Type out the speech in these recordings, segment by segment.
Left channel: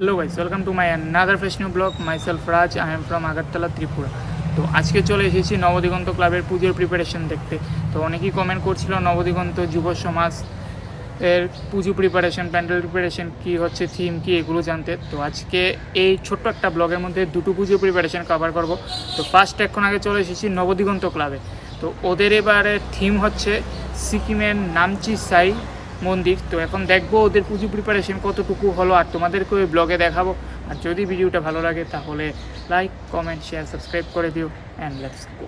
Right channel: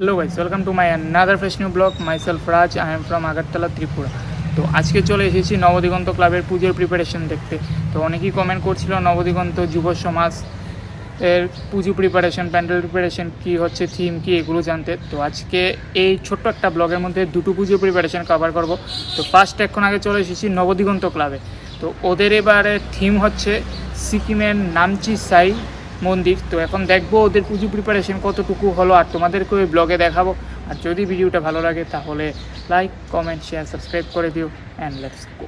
Hello guys welcome to my another fresh new blog myself Raj I am from Agartala Tripura তো আজকে চলে এসেছি নবদিগন্ত ক্লাবের পুজোর প্রিপারেশন দেখতে। তো অনেকেই কমেন্ট করছিল নবদিগন্ত যুব সমাজ এর পুজো প্রিপারেশন প্যান্ডেল প্রিপারেশন কি হচ্ছে থিম কি এগুলো জানতে। তো আজকে এই ছোট্ট একটা ব্লগের মধ্যে দুটো পুজো প্রিপারেশন কভার করব। তো ফার্স্ট এখন আগে চলে এসেছি নবদিগন্ত ক্লাবে। তো ওদের এবারে থিম হচ্ছে সিকিমের নামচি সাই। মন্দির। তো এখন দেখব ওদের পুজো প্রিপারেশন কতটুকু হলো আর তোমাদেরকে ওই ব্লগে দেখাবো। আর যদি ভিডিওটা ভালো লাগে তাহলে লাইক কমেন্ট শেয়ার সাবস্ক্রাইব করে দিও অ্যান্ড লেটস গো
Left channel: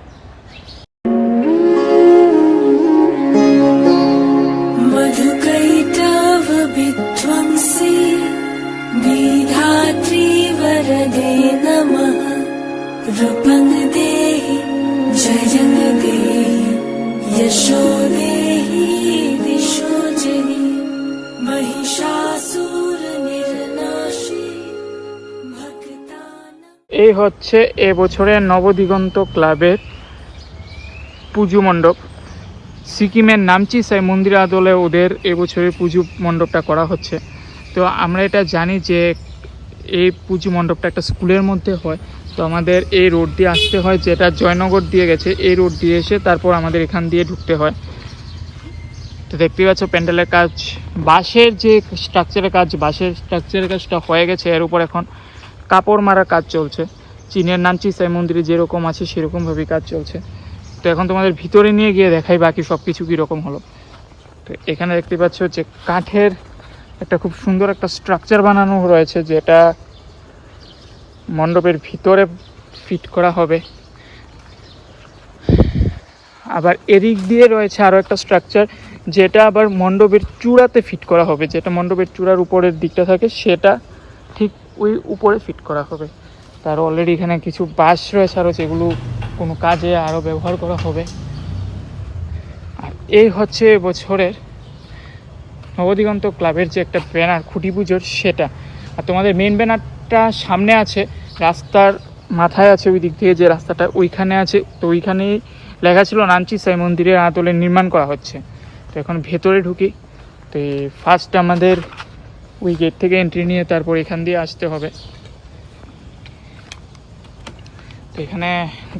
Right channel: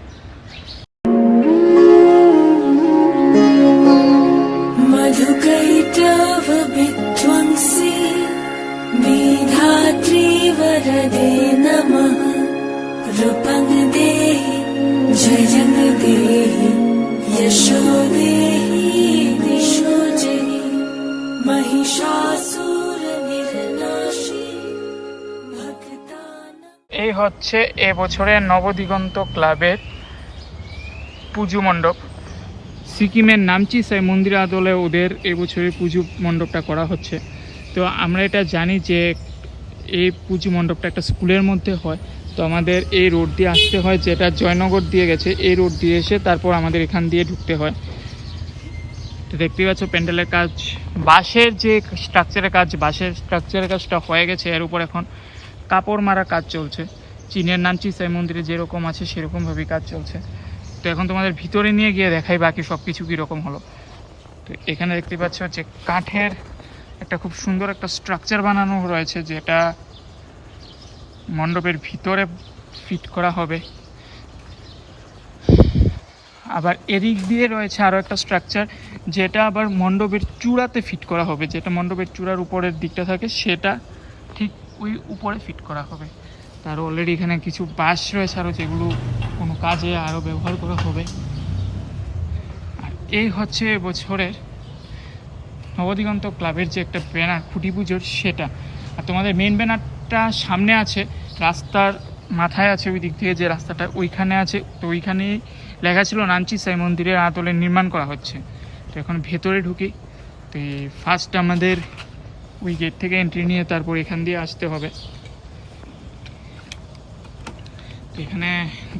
এই হচ্ছে এবছরের নবদিগন্ত ক্লাবের পুজো মণ্ডপ। সিকিমের নামচি সাই মন্দির আদলে ওদের এবছরের পুজো মণ্ডপটা করা হচ্ছে। তো আমরা এটা জানি যে এই পুজো মণ্ডপটা একটা স্কুলের মধ্যে হয়। তো আমাদের এই রোড দিয়ে আসতে হয়, যেটা জয়নগর দিয়ে গেছে, এই রোড দিয়ে এসে তারপর আমাদের এখান দিয়ে ঢুকতে হয়। তো দেখতেই পাচ্ছ, প্যান্ডেলের কাজ, বাঁশের যে স্ট্রাকচারের কাজ, বাঁশের স্ট্রাকচারের কাজটা হয়ে গেছে এর উপর এখন। কাপড় মারার কাজ চলছে। চীনের নামচি সাই মন্দিরে যেরকম আছে সেরকমভাবেই কাজ চলছে। তো এখন তোমাদের ভিতরে নিয়ে গিয়ে দেখাই বাকি সব কিছু কীরকম হলো। তো এখানে দেখতে পাচ্ছ যে কাঠের একটা খুব সুন্দর একটা স্ট্রাকচার বানানো রয়েছে যেটা মণ্ডপের ভিতরে ফিট করা হবে। আবার এদিক দিয়ে রয়েছে আরও একটা স্ট্রাকচার যেটা আবার মণ্ডপের চূড়াতে ফিট করা হবে। যেটা মণ্ডপের চূড়ার উপরের দিকটা থাকে সেটা ঠিক ওই উপরে ফিট করা হবে। তার অলরেডি এখানে কিছু বাঁশ রয়েছে আরও যেগুলো কোনো কাজে আরও ব্যবহার করা হবে। আর এই হচ্ছে বছরের নবদিগন্ত ক্লাবের যে একটা ব্যানার, খুঁটি পুজোর সেটা। আর তোমাদের মেন ব্যানারটা সামনে আছে, রাস্তার মাথায় আছে ওই দিক থেকে যে রাস্তাটা ওইখানে আছে। তো ওইখানেই লেখা ছিল নামচি সাই মন্দিরের আদলে নির্মাণ করা হচ্ছে। তো এখন ভেতরে ঢুকি। তো ফার্স্ট আমাদের ওই গেট থেকে এন্ট্রি নিয়ে তারপর এখান দিয়ে আসতে হবে। এখানে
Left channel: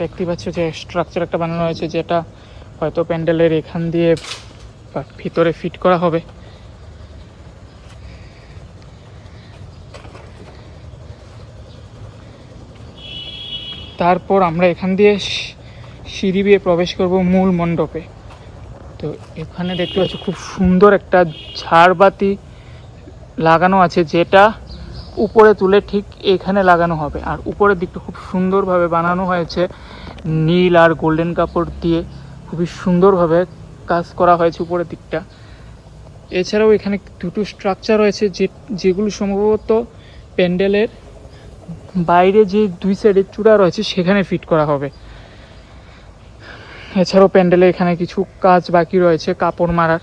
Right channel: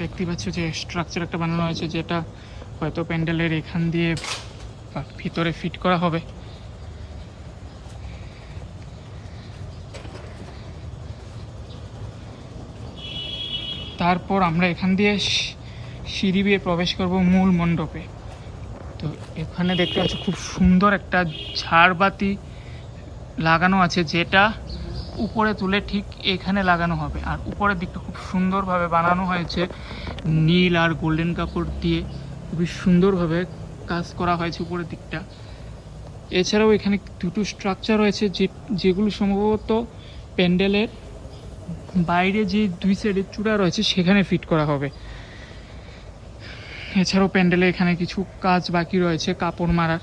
দেখতে পাচ্ছ যে স্ট্রাকচার একটা বানানো হয়েছে, যেটা হয়তো প্যান্ডেলের এখান দিয়ে ভিতরে ফিট করা হবে। তারপর আমরা এখান দিয়ে সিঁড়ি দিয়ে প্রবেশ করব মূল মণ্ডপে। তো এখানে দেখতে পাচ্ছ খুব সুন্দর একটা ঝাড়বাতি লাগানো আছে, যেটা উপরে তুলে ঠিক এখানে লাগানো হবে। আর উপরের দিকটা খুব সুন্দরভাবে বানানো হয়েছে। নীল আর গোল্ডেন কাপড় দিয়ে খুবই সুন্দরভাবে কাজ করা হয়েছে উপরের দিকটা। এছাড়াও এখানে দুটো স্ট্রাকচার রয়েছে, যে, যেগুলো সম্ভবত প্যান্ডেলের বাইরে যে দুই সাইডে চূড়া রয়েছে, সেখানে ফিট করা হবে। এছাড়াও প্যান্ডেলে এখানে কিছু কাজ বাকি রয়েছে, কাপড় মারার।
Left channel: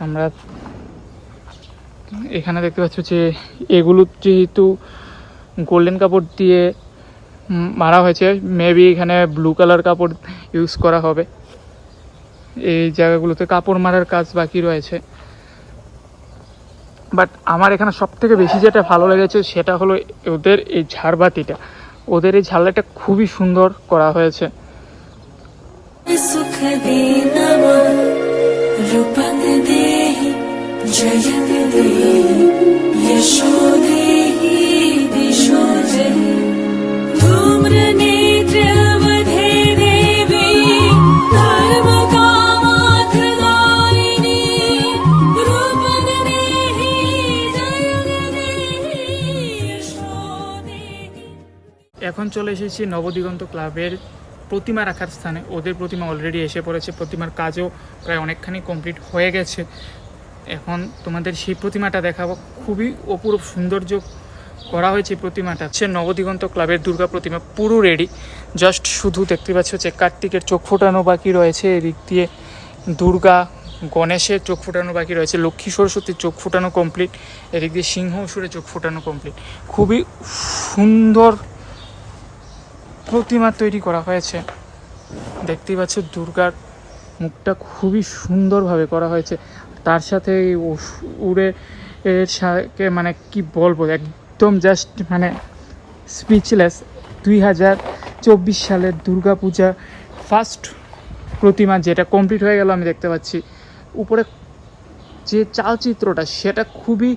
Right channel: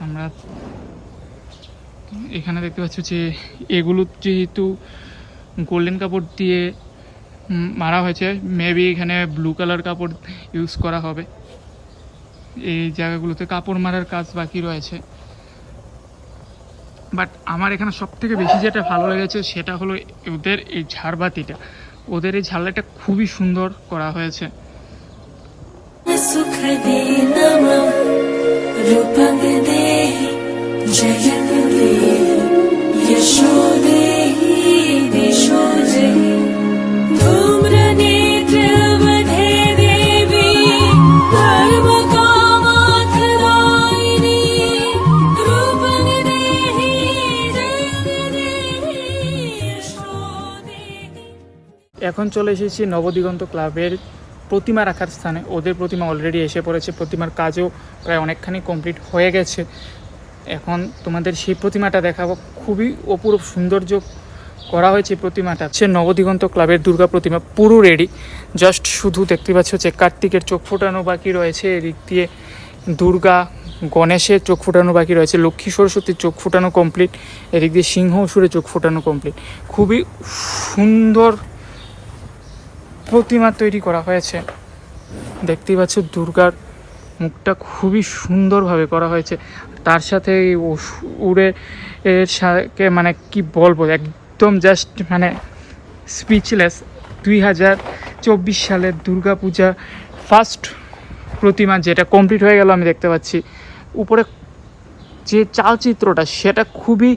আমরা এখানে দেখতে পাচ্ছ যে এগুলো যেহেতু গোল্ডেন কাপড় দিয়ে মারা হয়েছে মেবি এখানে ব্লু কালার কাপড় ইউজ করা হবে। এই জায়গাগুলোতে কাপড় মারার কাজ বাকি রয়েছে। বাট আমার এখানে সব থেকে বেশি যেটা ভালো লেগেছে সেটা হলো ওদের এই ঝাড়বাতিটা। ওদের এই ঝাড়লাটা খুবই সুন্দর করা হয়েছে। জয় এখন চলে এসেছি নবদিগন্ত ক্লাবের প্রতিমা রাখার স্থানে। ওদের প্রতিমা অলরেডি এসে পড়েছে। প্রতিমার কাজও প্রায় অনেকখানি কমপ্লিট হয়ে গেছে। এখন তোমাদের সেই প্রতিমাটা দেখাবো। খুবই অপূর্ব সৌন্দর্য করা হয়েছে প্রতিমাটা। হচ্ছে নবদিগন্ত ক্লাবের দুর্গা প্রতিমা পুরো রেডি জাস্ট শুধু দেখতে পাচ্ছ যে কার্তিকের চোখ ফোটানো বাকি রয়েছে। এদিক দিয়ে দুর্গা, গণেশের চোখ ফোটানো বাকি রয়েছে। লক্ষ্মী সরস্বতীর চোখ ফোটানো কমপ্লিট এদিক দিয়ে সিংহ অসুরের চোখ ফোটানো কমপ্লিট খুবই সুন্দর প্রতিমা তৈরি করা হয়েছে। দেখতেই পাচ্ছ দুর্গার মুখটা খুবই সুন্দরভাবে করা হয়েছে। তার সাথে উড়ে এর সাথে মানে কি বলব, একদম জাস্ট মানে স্পিচলেস দুই হাজার চব্বিশ সালের দুর্গাপূজা ফার্স্ট প্রতিমা যেটা কমপ্লিট হয়ে গেল আমি দেখতে পাচ্ছি। উপরে যে চালচিত্রটা, সেটা খুবই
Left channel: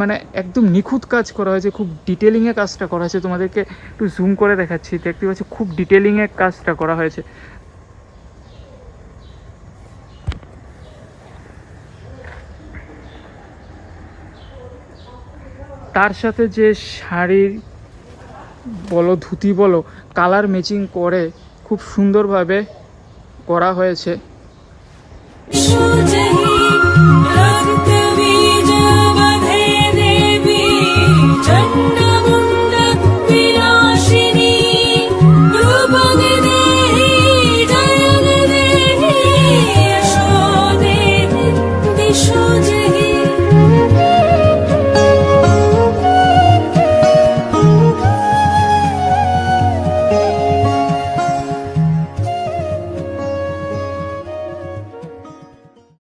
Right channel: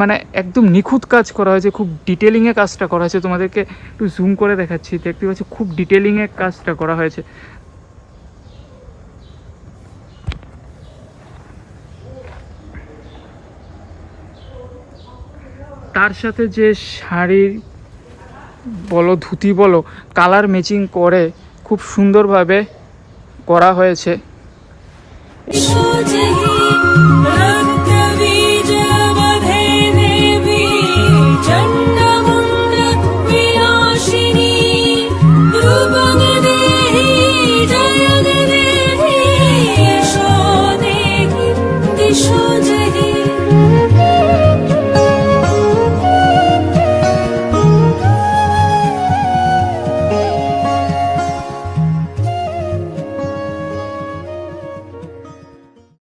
মানে একদম নিখুঁত কাজ করা হয়েছে, খুব ডিটেলিংয়ে কাজটা করা হয়েছে। তোমাদেরকে একটু জুম করে দেখাচ্ছি, দেখতে পাচ্ছি খুব ডিটেলিংয়ে কাজটা করা হয়েছে। তার সাথে যে শাড়ির বলো, ধুতি বলো কালার ম্যাচিং করে খুব সুন্দরভাবে করা হয়েছে।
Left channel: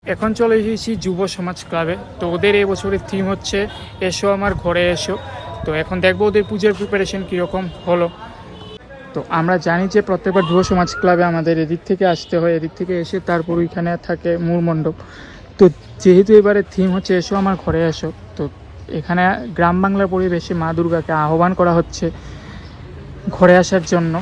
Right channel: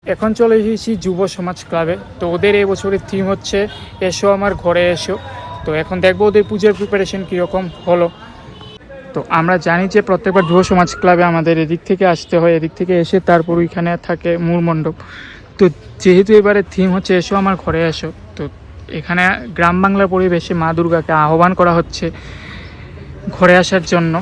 এখন চলে এসেছি যুব সমাজ ক্লাবে। তো ওদের এই বছরের থিম হচ্ছে, এসো আমার ঘরে এসো। তো এখন দেখব ওদের পুজোর প্রিপারেশন কীরকম হলো। তো আমরা জানি যে প্রত্যেকবার যুব সমাজ ক্লাবে আমাদের এদিক থেকে আসতে হয়, এদিক থেকে এসে তারপর ওইখানে থাকে মূল মণ্ডপ। তো যেহেতু এবারে থিম হচ্ছে, এসো আমার ঘরে এসো। তো এখানে গ্রাম বাংলার পরিবেশে মা দুর্গাকে আহ্বান করা হচ্ছে ঘরে আসার জন্য।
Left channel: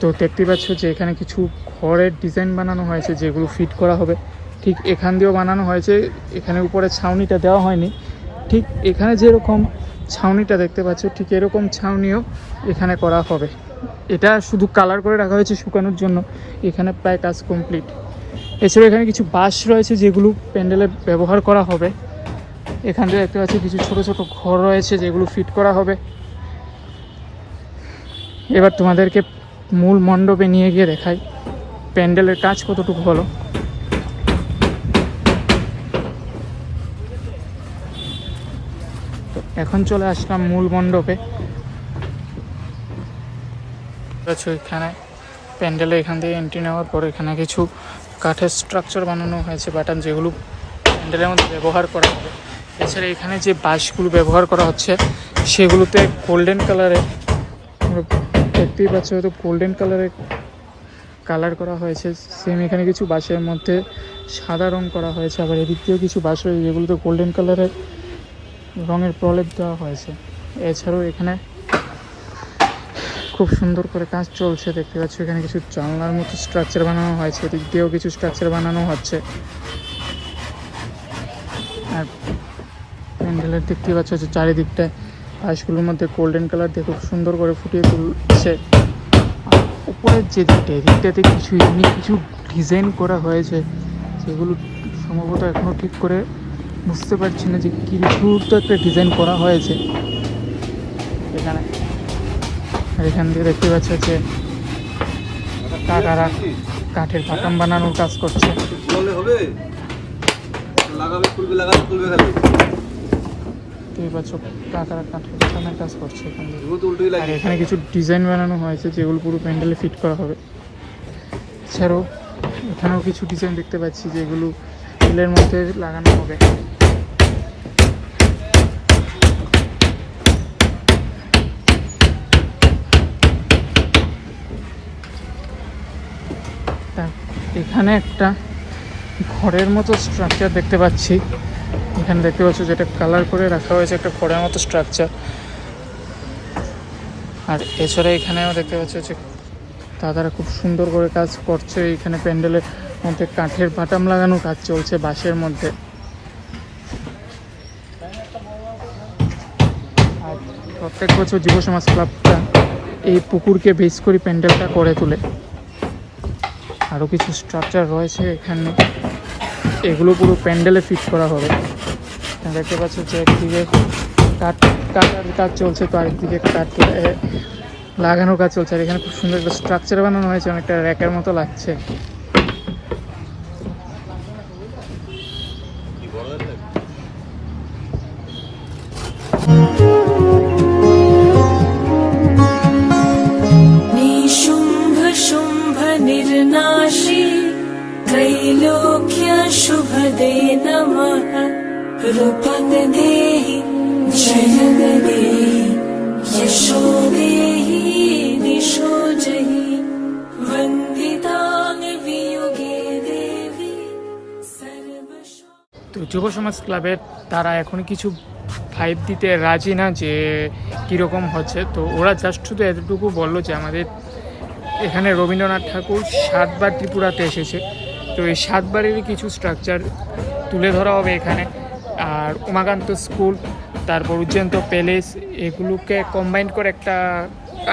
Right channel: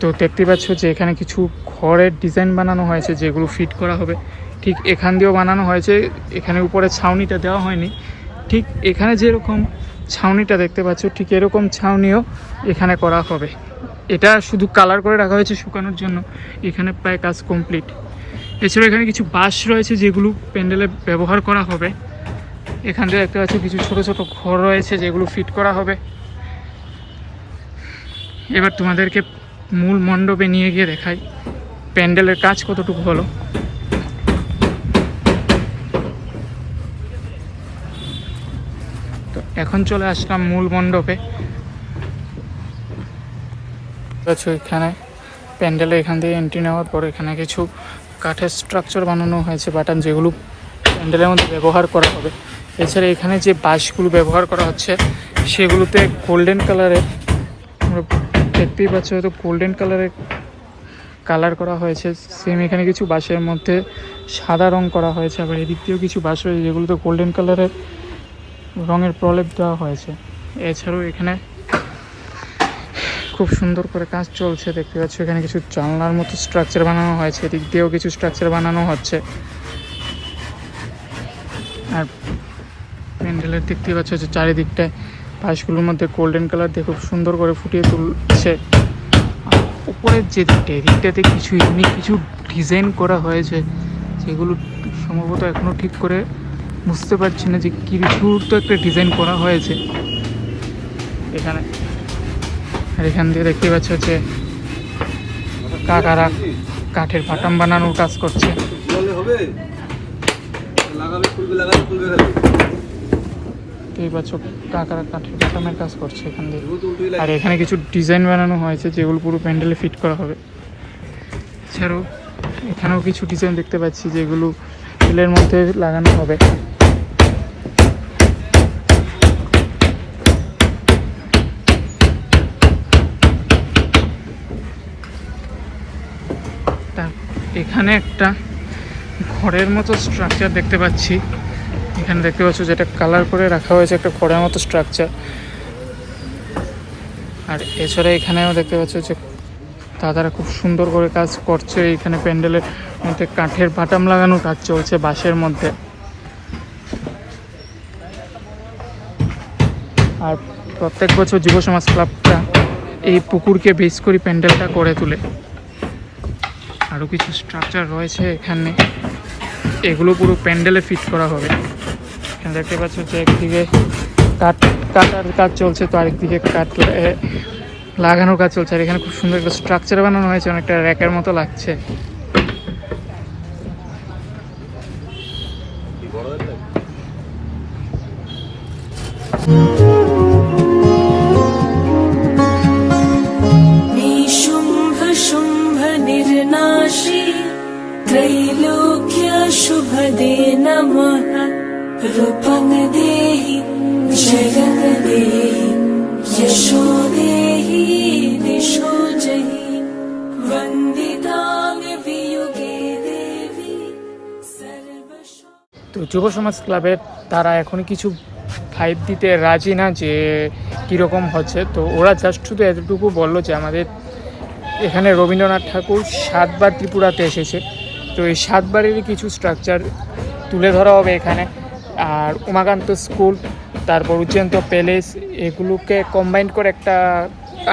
তো দেখতে পাচ্ছ যে এখানে কিছু ঘরের ডিজাইন বানানো হয়েছে, যেগুলো ফিট করা হবে। ঠিক এখান দিয়েও বানানো হয়েছে, এখানে উপরে ছাউনিটা দেওয়া হয়নি। ঠিক এখানে যেরকম ছাউনিটা দেখতে পাচ্ছ, ঠিক এরকম ছাউনিও এখানে করা হবে। এটা শুধু কালার করে রাখা হয়েছে শুকানোর জন্য, এখানে প্রায় কাজ কমপ্লিট। এছাড়া এখানে কিছু বাঁশ রয়েছে যেগুলো প্যান্ডেলে ব্যবহার করা হবে। এখান দিয়ে দেখতে পাচ্ছ কিছু ছোট ছোট ঘর রয়েছে যেগুলো ফিট করা হবে। এবার তোমাদেরকে মূল মণ্ডপে নিয়ে গিয়ে দেখাই। প্যান্ডেলের কাজ কতটুকু হলো। এখন চলে আসলাম মূল মণ্ডপে। এখানে প্যান্ডেলে এখান থেকে এন্ট্রি নেওয়ার পর এখানে কিছু কাঠের স্ট্রাকচার বানানো হয়েছে বাটান যেগুলো প্যান্ডেলের মধ্যে ব্যবহার করা হবে। এছাড়া এখানে যে বাঁশগুলো ব্যবহার করা হচ্ছে, সেগুলোতে গোল্ডেন কালারের দেখতেই পাচ্ছ হয়তো গোল্ডেন কালারের কালার করা হয়েছে। সেম এখানে কিছু বাঁশের মধ্যে সাদা রং করা হয়েছে, আবার এদিক দিয়েও কিছু বাঁশ রয়েছে, যেগুলোতে গোল্ডেন কালারের রঙের প্রলেপ দেওয়া হয়েছে। এছাড়াও এখানে খুব সুন্দর করে কাজ চলছে, দেখতে পাচ্ছ। এখানে কিছু জানলার মতো স্ট্রাকচার বানানো হয়েছে, এদিক দিয়েও কিছু স্ট্রাকচার বানানো হচ্ছে। আর প্যান্ডেলের দেখতে পাচ্ছ যে চারিদিকটায় পাশগুলোর মধ্যে গোল্ডেন কালার দিয়ে খুব সুন্দর করে ফুটিয়ে তুলছে। উপরের যে দিকটা এদিকটাতে কিছু ইউনিক কিছু ডিজাইন করা হয়েছে যেগুলো সম্ভবত এখনও ঠিক করে বুঝতে পারছি না যে কিছু তো একটা ডিজাইন করা হয়েছে। এখানে আর এখান দিয়ে দেখতে পাচ্ছ যে কাকারা কাঠের বাটাম বানানোর কাজ করছে। কাকারা কাঠের বাটামের কাজ করছে এখান দিয়ে। আর এখানে কিছু ডিজাইন বানানো হয়েছে যেগুলো পুরো প্যান্ডেলে ফিট করা হবে। এছাড়াও এখানেও কিছু ডিজাইন দেখতে পাচ্ছি যেগুলো তেলের মধ্যে লাগানো হবে তা এখানে একটা ঘরের মতো স্ট্রাকচার দেখতে পাচ্ছি। এখানে দেখতে পাচ্ছ যেটা কালার করে রাখা হয়েছে একটা ঘরের মতো স্ট্রাকচার আর এছাড়া এখানেও দেখতে পাচ্ছ যে দাদারা খুব সুন্দর করে কাজ করছে। এখানে প্যান্ডেলের মধ্যে কাঠের বাটাম লাগানো কাজ চলছে বাঁশের মধ্যে। আর প্রত্যেক বছর যুব সমাজ ক্লাবটা এই পুকুরকে বেস করে প্যান্ডেলটা করে তোলে। আরও কিছু স্ট্রাকচার রয়েছে এখানে। এগুলো পুরো প্যান্ডেলে ফিট করা হবে। এখানে দেখতে পাচ্ছ যে একদিকে কাঠ, কাটার কাজ চলছে, তো আরেকদিকে কাঠ লাগানোর কাজ চলছে। আর এখানে খুব সুন্দর একটা স্ট্রাকচার বানানো হয়েছে, অনেকটা র্যাকের মতো লাগছে। रूपं देहि जयं देहि यशो देहि दिशो जहि वन्दितां वियुगे देवी सर्वशो তো যুব সমাজ ক্লাবের তারা এখন কিছু ফাইভ দিতে রাজি না যে কীরকম হচ্ছে তো ওরা জাস্ট শুধু এতটুকু বললো যে আমাদের এখানে রবীন্দ্রনাথ ঠাকুর সাতবার ত্রিপুরাতে এসেছে তো এই সাতবারেরই কিছু স্ট্রাকচার তুলে ধরা হবে এখানে আর উমাকান্ত স্কুল, তারপর উজ্জয়ন্ত প্যালেস, এগুলোকে কম্বাইন করে একটা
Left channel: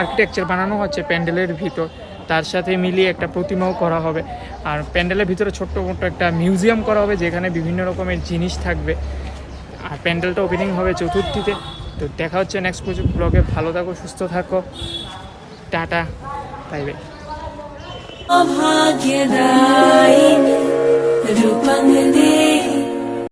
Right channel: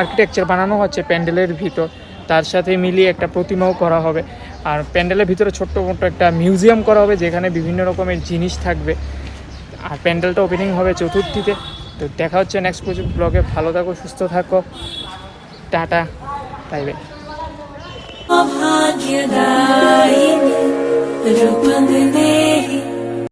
আর্কিটেকচার বানানো হচ্ছে প্যান্ডেলের ভিতর। তার সাথে মিলিয়ে একটা প্রতিমাও করা হবে। আর প্যান্ডেলের ভিতরে ছোট্ট মোটো একটা মিউজিয়াম করা হবে, যেখানে বিভিন্ন রকমের জিনিস থাকবে। আর প্যান্ডেলটা ওপেনিং হবে চতুর্থীতে। তো দেখা হচ্ছে নেক্সট ব্লগে ভালো থাকো, সুস্থ থাকো। টাটা তাই